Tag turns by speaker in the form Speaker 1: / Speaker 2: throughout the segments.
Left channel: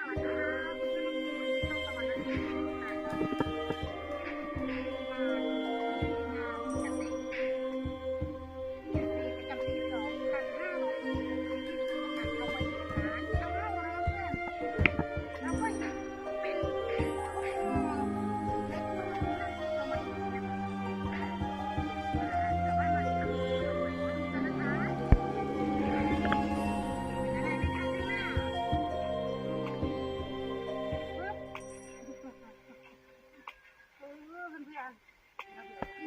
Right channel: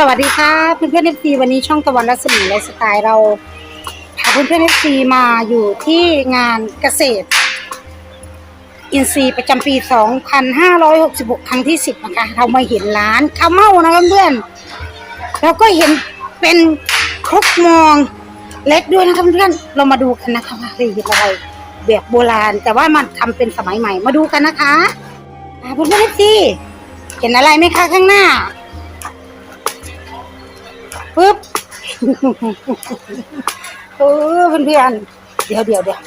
Speaker 1: สวัสดีค่ะเพื่อนเพื่อนเอฟซีวันนี้ช่องตะวันรัศมีไลฟ์สไตล์เราพาเพื่อนเพื่อนเอฟซีมาอยู่ที่งานเกษตร อินทรีย์ประจำปี 2566 ครั้งที่ 10 นะคะ เรามาเห็นร้านข้าวเม่านะเพื่อนๆแล้วก็เห็นเป็นครกมองเล็กด้วยนะคะเพื่อนๆเรามาดูกันนะคะว่าเป็นอะไรแบบโบราณ แต่ว่ามันทำเป็นสมัยใหม่มาดูกันนะคะอ่าเพื่อนเพื่อนเอฟซีเห็นอะไรไหมคะข้างหน้า ปึ๊บเออเพื่อนๆเดี๋ยวเดี๋ยวเดี๋ยว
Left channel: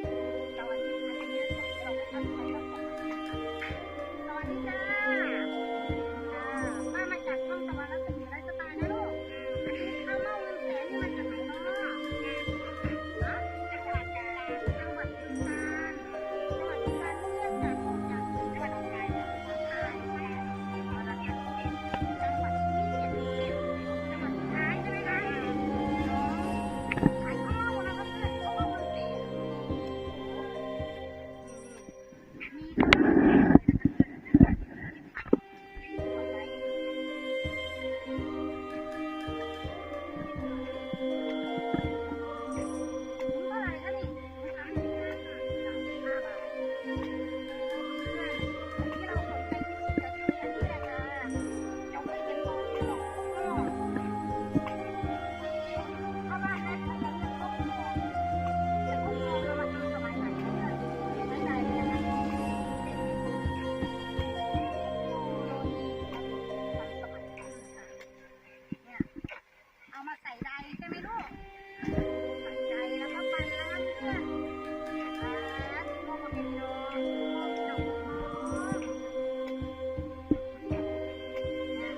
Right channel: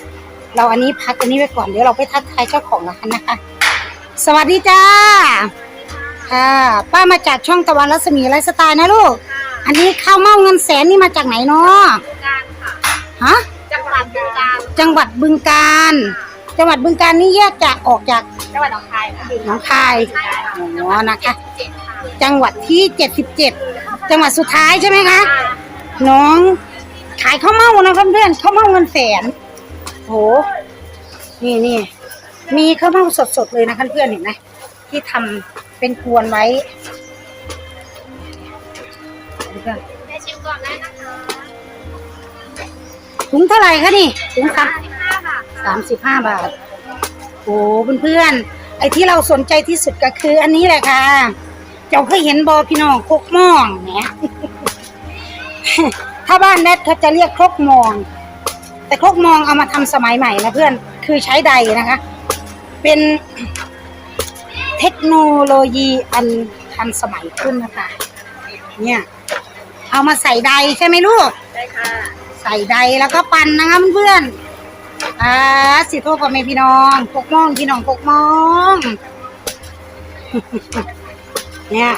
Speaker 1: เราอันนี้พักอันนี้ไว้ก่อนเดี๋ยวเราไปทักทายเจ้าของกันนะคะ สวัสดีจ้าค่ะป้ามาจากช่องตะวันรัศมีไลฟ์สไตล์นะลูก อันนี้ข้าวเม่าเงินแสนนี่มาจากไหนเนาะ
Speaker 2: การค่ะ
Speaker 1: ฮะ
Speaker 2: จังหวัดบึงกาฬ
Speaker 1: จังหวัดบึงกาฬจังหวัดบึงกาฬนี่แยกจากออกจาก
Speaker 2: จังหวัดหนองคายค่ะ
Speaker 1: หนองคาย
Speaker 2: ใช่ค่ะ
Speaker 1: อ๋อนะคะ
Speaker 2: เจ็ดค่ะ
Speaker 1: จังหวัดที่77 จังหวัดสุดท้ายใช่ไหมคะ น้องขายข้าวเม่านะเพื่อนข้าวเม่าเงินแสนโหนี่นี่มีข้าวเม่าสดๆเลยนะเพื่อนเห็นไหมที่ทำเป็นกวนไว้เพื่อน
Speaker 2: แม่ชิมก่อนได้นะคะ
Speaker 1: ถุงเท่าไหร่คะนี่ถุงสาม
Speaker 2: สิบห้าบาท
Speaker 1: สามสิบห้าบาทโอ้เพื่อนๆไอ้ที่เราสนใจที่สุดก็คืออันนี้แหละค่ะ เจ้าเคยเห็นบอพี่น้องครกม่องเนี่ยถ้าบ้านแนทเขาจะเรียกครกมอง แต่ครกมองเอามาทำสมัยใหม่นะเพื่อนคือใช้ใดนะคะ เป็นเทคโนโลยีอันทันสมัยขึ้นนะคะ เนี่ย เอามาใส่ใดใช่ไหมลูก
Speaker 2: ได้ค่ะ
Speaker 1: ใส่ใดแล้วก็ปั่นนะคะเพื่อนอ่าสิโทษพ่อแม่พี่น้องพกมองพี่น้องพกมอง เนี่ย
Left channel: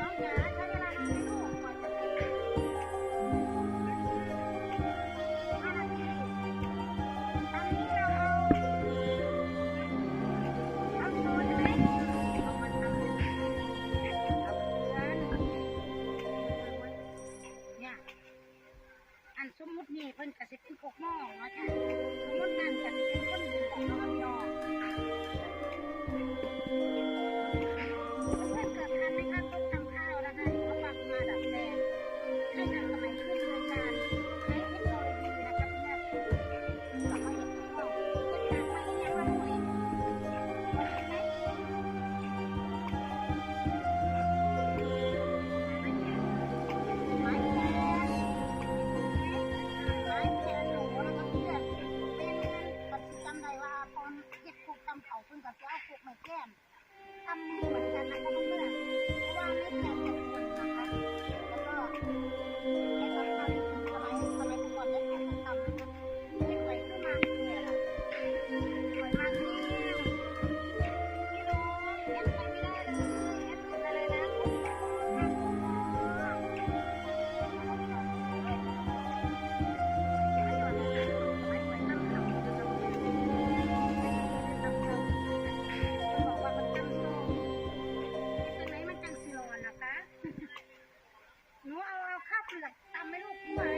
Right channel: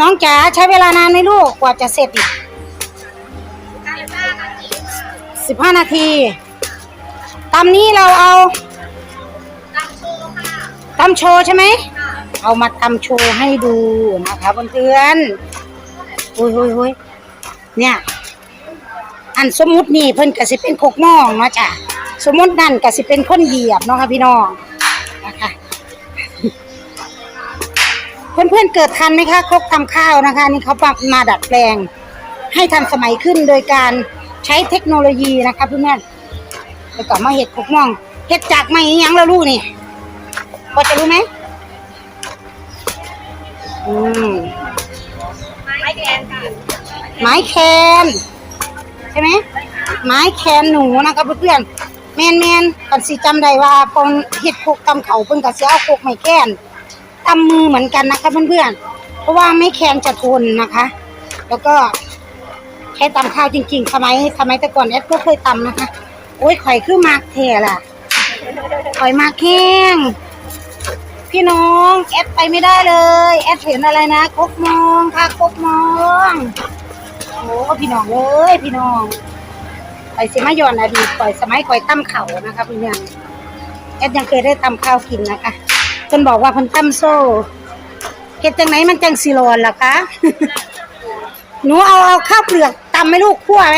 Speaker 1: น้องจ๋าใช้เวลานานไหมลูกกว่าจะเสร็จอีกสิบห้านาทีตำนี้เราเอา
Speaker 2: ตั้งโชว์ค่ะ
Speaker 1: ตำโชว์ใช่ไหม เอามาทำโชว์ให้ดูนะคะเพื่อนๆโอ้ยโอ้ยโอ้ยเนี่ย อันสมมุตินี่เพิ่นก็สิเป็นโคกหม้องเนาะจ้ะสมมุตินั่นก็สิเป็นคนเหยียบเนาะค่ะพี่น้อง เพื่อนๆเกิดทันไหมคะครกทำข้าวนะคะนี่เขาปรับมาดัดแปลง ให้ทันสมัยขึ้นโดยการใช้เทคโนโลยีนะคะเพื่อนๆแล้วก็มาเห็ดโคกม้องเห็ดจากไม่ยังแล้วลูกนี่พอจะรู้ไหมอืม
Speaker 2: ไม้แกนค่ะ
Speaker 1: ไม้แคนใช่ไหมไม้แคนหนูนะคะเพื่อนๆแมนแมนก่อนสิจำได้ว่าปองเห็ดโคกตำเขาเพิ่นก็สิเอาโคกไม้แคน ตำมือเหมือนกันนะคะเพื่อนๆ เพราะว่าไม้แคนจะทนนะคะ แล้วก็ใช้ตำข้าวจริงๆสมัยสมัยแต่ก่อนแอดก็เคยตำนะคะ โอ้ยข่อยคือมากแท่ล่ะข่อยมากแห้งพี่น้องแอดไปไม่ได้เลยแอดเห็นอะไรนะกกมองค่ะกกมองโอ้พี่น้องเอ้ยพี่น้องไปสิมาย้อนอดีตก่อยสมัยก่อยตั้มเข่านะคะพี่น้องแอดยังเคยได้ตำข้าวกินนะคะ เพิ่นบอกว่าเพิ่นตั้มโซ่เฮ็ดจังไหนมันจังสิรอนล่ะคะหนูเอาเอาข้าวเปลือกตำไหมลูกคั่วไหม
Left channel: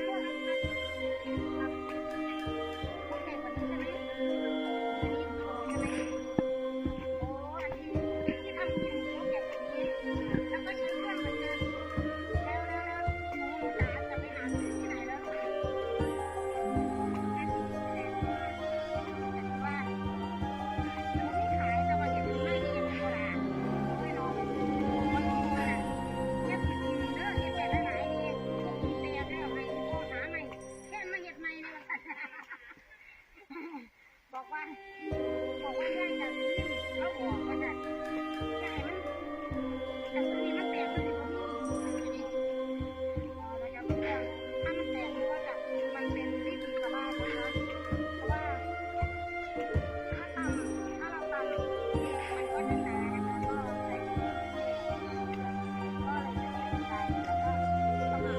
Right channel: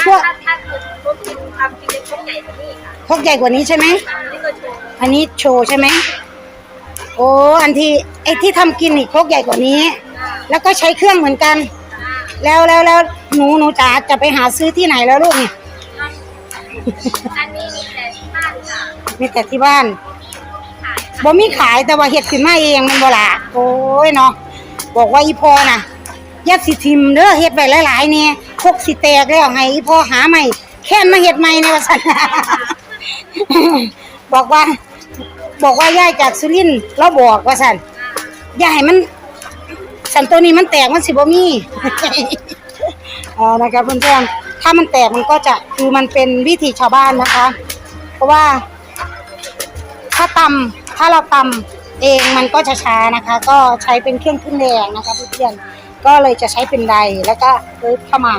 Speaker 1: คั่ว
Speaker 2: ถ้าถ้าคือรวมถึงทำกินเป็นช่วงใหญ่กว่านี้ค่ะ
Speaker 1: พกใหญ่กว่านี้ใช่ไหม
Speaker 2: นี่ก็โชว์
Speaker 1: อันนี้โชว์ใช่ไหมโอ้อันที่ไอ้ที่ทำกินนี่พกใหญ่กว่านี้ แล้วก็ใช้เครื่องเหมือนกัน แล้วแล้วแล้วหนูหนูจ๋าจะไปหาซื้อที่ไหนแล้วลูกนี่
Speaker 2: อันนี้มีแต่ที่บ้านค่ะ
Speaker 1: มีแต่ที่บ้าน
Speaker 2: ขาย
Speaker 1: บ่มีขายแต่ว่าเฮ็ดขึ้นมาเองมันบ่ละโอ้ยเนาะบอกว่าอีพอน่ะย่าสิทิมเด้อเฮ็ดไว้หลายๆเนี่ยพกสิแตกแล้วให้อีพอหาใหม่แค่นมาเฮ็ดใหม่ในว่าซั่นบอกว่า บอกว่าย้ายจากสุรินทร์เราบอกว่าซั่นย่าให้มันสันตัวนี้มันแตกมันสิบ่มีอ๋อนะคะเพื่อนๆถ้ามันแตกมันก็จะคือมันเป็นวิถีชาวบ้านนะคะ เพราะว่าถ้าตำ ถ้าเราตำเองมันก็จะช้านะคะ ก็ใช้เป็นเครื่องขึ้นแรงนะคะเพื่อนๆก็เลยจะใช้เป็นใดแล้วก็เลิฟเข้ามา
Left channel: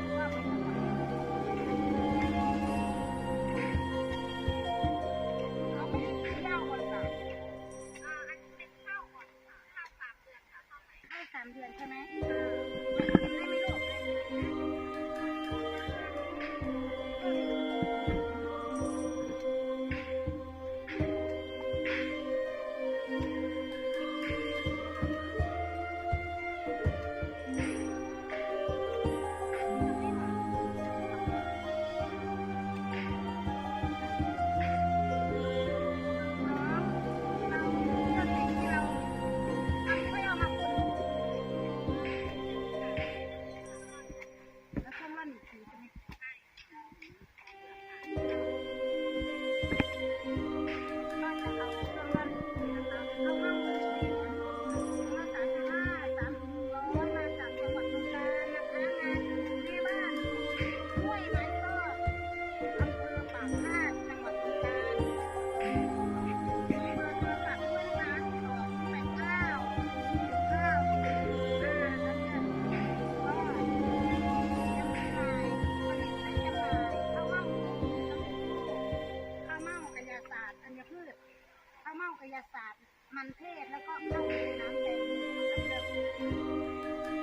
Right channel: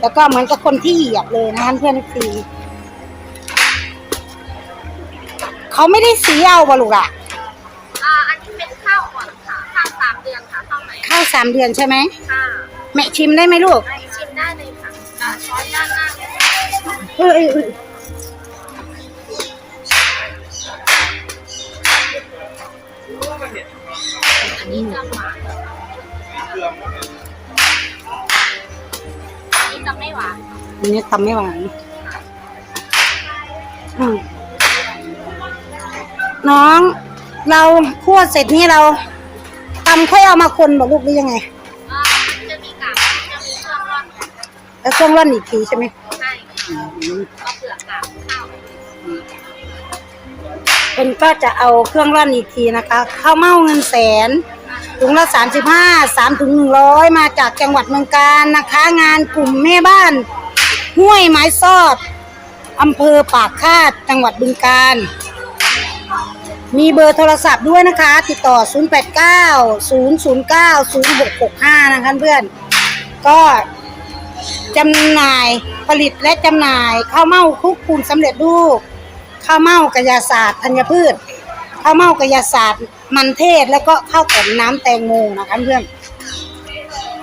Speaker 1: แล้วก็เหมือนกับคนที่เหยียบเลยนะคะเพื่อนๆสีเขาไม่ได้สีเอาบลูกอะ
Speaker 2: อ่าอันนี้เป็นข้าวอ่อนค่ะข้าวสามเดือนค่ะข้าวใหม่
Speaker 1: ข้าวสามเดือนใช่ไหม
Speaker 2: ค่ะ
Speaker 1: แม่ชิมได้ไหมลูก
Speaker 2: ได้ชิมได้เลยค่ะอ่าช้อนด้านหน้าเลย
Speaker 1: เอยเอยเอย
Speaker 2: อั
Speaker 1: ทำไม่หวานอืมน้อง เราคั่วเสร็จนี่เราตำค่อยเอามาคนบอกลูกหรือยังไง
Speaker 2: อ่ามันจะมีกากจะมีเครื่องร่อน
Speaker 1: แล้วเครื่องร่อนอีกทีใช่ไหม
Speaker 2: ใช่เอาเปลือกกากเข้า
Speaker 1: เป็นก็จะเอาเครื่องร่อนอีกทีนะคะข้าวเม่าเงินแสนถุงละสามสิบห้าสามถุงหนึ่งร้อยมาจากจังหวัดเมืองการนะคะ งานกลุ่มแม่บ้าน ห้วยไม้ซอดอำเภอปากคาดจังหวัดบึงการ มีเบอร์โทรศัพท์ด้วยนะคะ ติดต่อ 089 009 0665 นะคะเพื่อน ก็จำหน่ายผลิตและจำหน่ายข้าวเม่าคลุกปูนสำเร็จรูปข้าวเม่ากระยาศาสตร์ธัญพืชข้าวเม่ากระยาศาสตร์ มันเทศแล้วก็ข้าวต้มน้ำแตงโมนะคะเพื่อน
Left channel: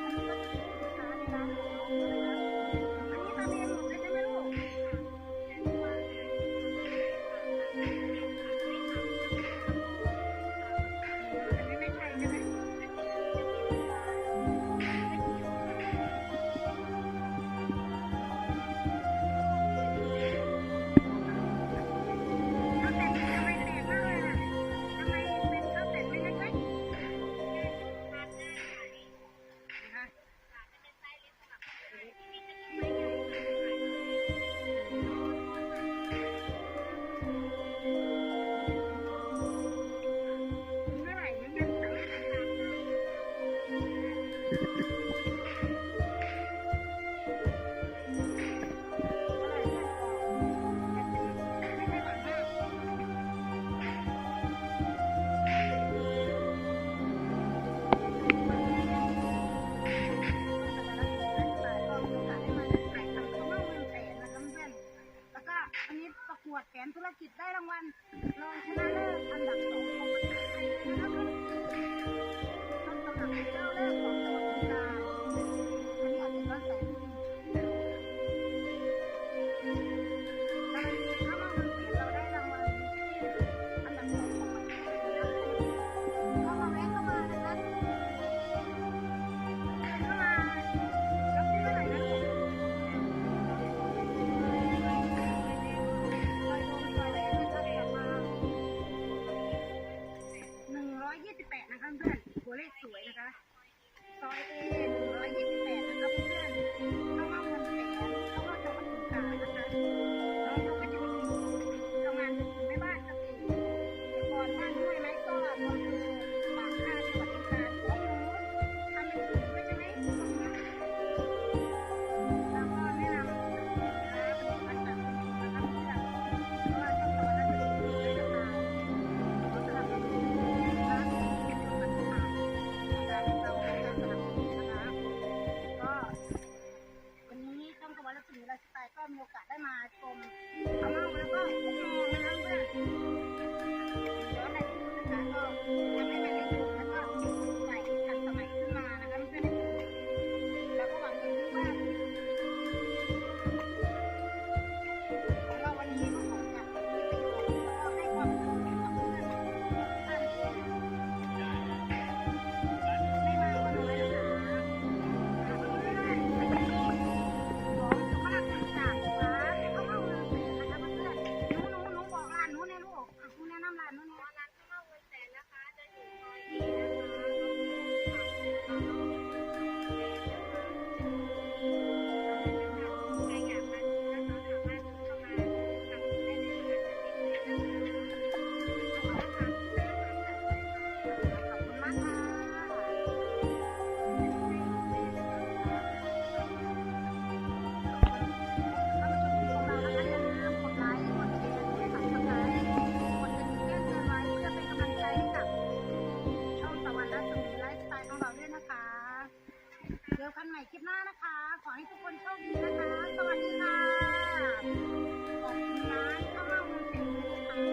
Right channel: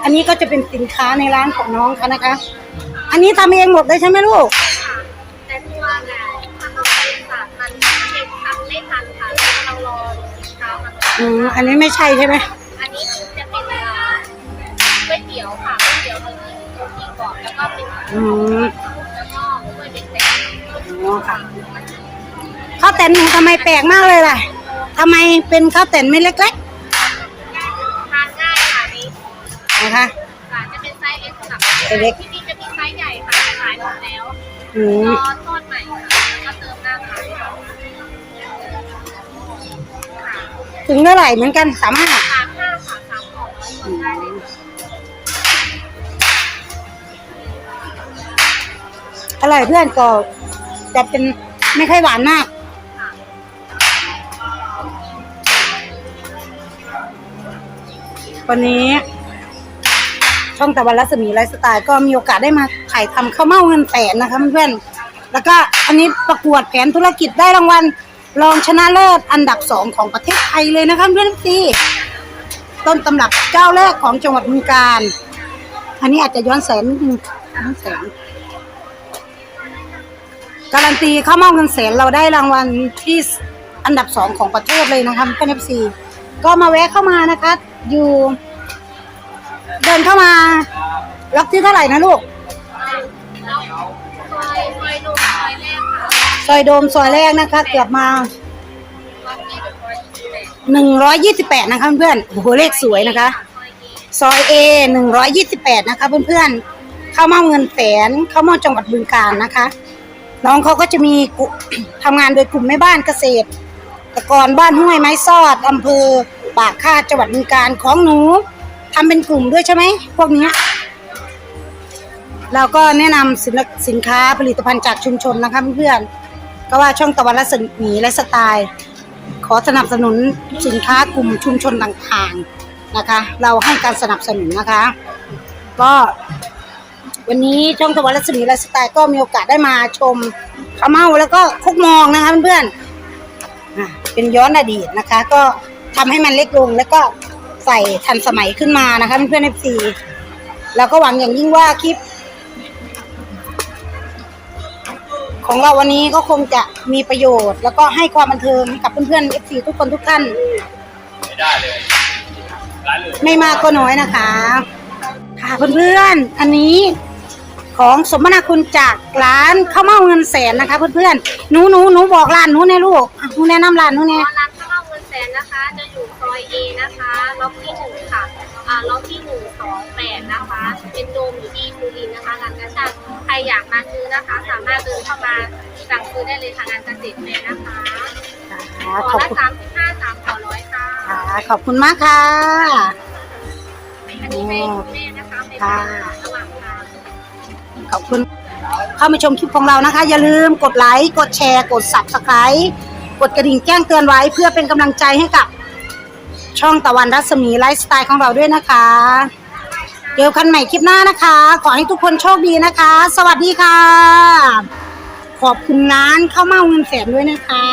Speaker 1: อันนี้ก็จะเป็นสินค้าในร้านของน้องเขานะคะ อันนี้ทำเองหมดเลยใช่ไหมลูก
Speaker 2: แต่ตัวเนี่ยถ้าต้องไปสารมันเช็คทำไม่ทันค่ะเรารอสินค้ามัน
Speaker 1: อืมอันนี้ไม่ใช่ใช่ไหม
Speaker 2: อันนี้จะเป็นเอ่อก๋วยเตี๋ยวค่ะก๋วยเตี๋ยวเรามีก๋วยเตี๋ยวก่อนแล้วก็เป็น
Speaker 1: อืม
Speaker 2: แล้วก็ก๋วยเตี๋ยวแตก
Speaker 1: อ๋อค่ะข้าวแตนหนูทำไมแปลกมากเลยล่ะทำไมเป็นข้าวแต่นไม่เล็ก
Speaker 2: ทานง่ายค่ะนี่
Speaker 1: ๆนะคะ
Speaker 2: ค่ะจะเป็นไซส์เล็กสำหรับ
Speaker 1: ไซส์เล็ก
Speaker 2: ที่ แล้ว
Speaker 1: อื
Speaker 2: ร
Speaker 1: ม
Speaker 2: อทอดใหม่ค่ะแล้วก็เติมหน้าค่ะ
Speaker 1: ถึงเท่าไหร่เหมือนกันสามห้า
Speaker 2: สามห้าค่ะสามของได้เลย
Speaker 1: อร่อยเพื่อนก็จะเป็นไม่ค่อยหวานมาก วันนี้ ช่องตะวันรัศมีไลฟ์สไตล์ก็มีโอกาสได้มาถ่ายทำข้าวเม่าเงินแสนนะคะเพื่อนๆแล้วก็อันนี้ประกวดแผนธุรกิจได้รางวัลรองชนะเลิศอันดับสองของประเทศไทยเลยนะคะเพื่อนๆทีต้นตำรับเจ้าแรกของจังหวัดบึงกาฬอันนี้อาจจะย้อนแสนนิดนึงย้อนแสนการันตีข้าวเม่าเงินแสนเราได้รางวัลที่อันดับสองของประเทศเลยนะคะเพื่อนๆทีก็มาแวะเข้ามานะคะ อยู่ เดินเข้ามา ล็อกที่เท่าไหร่นะลูก
Speaker 2: ซอยซอยดูซอยแรกค่ะ
Speaker 1: ซอยโดมซอยแรกนะคะ เกือบมา
Speaker 2: หนึ่งร้อยยี่สิบแปด
Speaker 1: นะคะเพื่อนโอ้โหเลขสวยนะคะ
Speaker 2: ซอยเอ
Speaker 1: หนี้อย A 128นะคะเพื่อนๆเข้ามาเงินแสนเข้ามาจังหวัดบึงกาฬนะคะ น้องเขาก็จะมีกุทำงานโดยกลุ่มแม่บ้านเกษตรตะกอนบ้านห้วยไม้ซอดอำเภอปากคาดจังหวัดบึงกาฬของหนู ทำเป็นกลุ่มด้วยใช่ไหมพวกเนี้ยเราก็แนะนำสินสินค้าผลิตภัณฑ์จากชุมชนนะคะเพื่อนๆก็ว่าช่องตะวันรัศมีและสไตล์ ขอสนับสนุนสินค้ากลุ่มชุมชนต่างๆนะคะ เราให้การสนับสนุนนะคะ ก็ วันนี้ช่องตะวันรัศมีไลฟ์สไตล์ก็มีโอกาสได้มาชมข้าวเมาแล้วก็คุกมองนะคะเพื่อนๆเป็นย้อนอดีตนะคะ ก็ทำให้มันเล็กลงแล้วก็ ใส่ทันสมัยขึ้นมานะคะเพื่อนๆเอฟซีแล้วก็หวังอย่างยิ่งว่าคลิป ของเราวันนี้ก็คงจะมีประโยชน์ แล้วก็ให้ความบันเทิงให้กับเพื่อนๆเอฟซีทุกคนทุกท่าน
Speaker 3: ไม่ได้เลยร้านเลย
Speaker 1: ไม่มากก็น้อยนะคะ ค่ะเพื่อนๆ อันนี้ของสมนาคุณจากร้านข้าวเม่าเงินแสนนะคะเพื่อนๆ หนูหนูหนูบอกร้านหนูแน่ลูกอะหนูแนะนำร้านหนูแน่
Speaker 2: ร้านข้าวเม่าเงินแสนนะคะ จะ อยู่ซอยเอนะคะล็อกที่หนึ่งค่ะอ่าล็อกที่หนึ่งสองแปดนะคะ เป็นโดมอยู่ที่ภูรินทร์นะคะงานกระชากใครอยากมาซื้อนะคะ สามารถเดินเข้ามาสั่งซื้อได้เลยค่ะงานเกษตรแมนนะคะ
Speaker 1: ค่ะ
Speaker 2: ขอ
Speaker 1: ขอบ
Speaker 2: ละ
Speaker 1: คุณ
Speaker 2: สามสิบห้าสามขอร้อยค่ะ
Speaker 1: ค่ะขอบคุณมากค่ะ
Speaker 2: อันนี้ให้คุณแม่นะคะเป็น
Speaker 1: ค่ะ
Speaker 2: ระหว่างทาง
Speaker 1: ขอบคุณ เข้ามาชมคลิปของเรานะคะ อย่าลืมกดไลค์ กดแชร์ กด subscribe กดกระดิ่งแจ้งเตือนไว้เพื่อเป็นกำลังใจให้กับ ช่องตะวันรัศมีไลฟ์สไตล์ของเราด้วยนะคะเจอกันใหม่คลิปหน้านะคะ ขอให้ทุกคนโชคดีนะคะ สวัสดีค่ะ ขอบคุณร้านข้าวเม่าเงินแสนด้วยนะคะ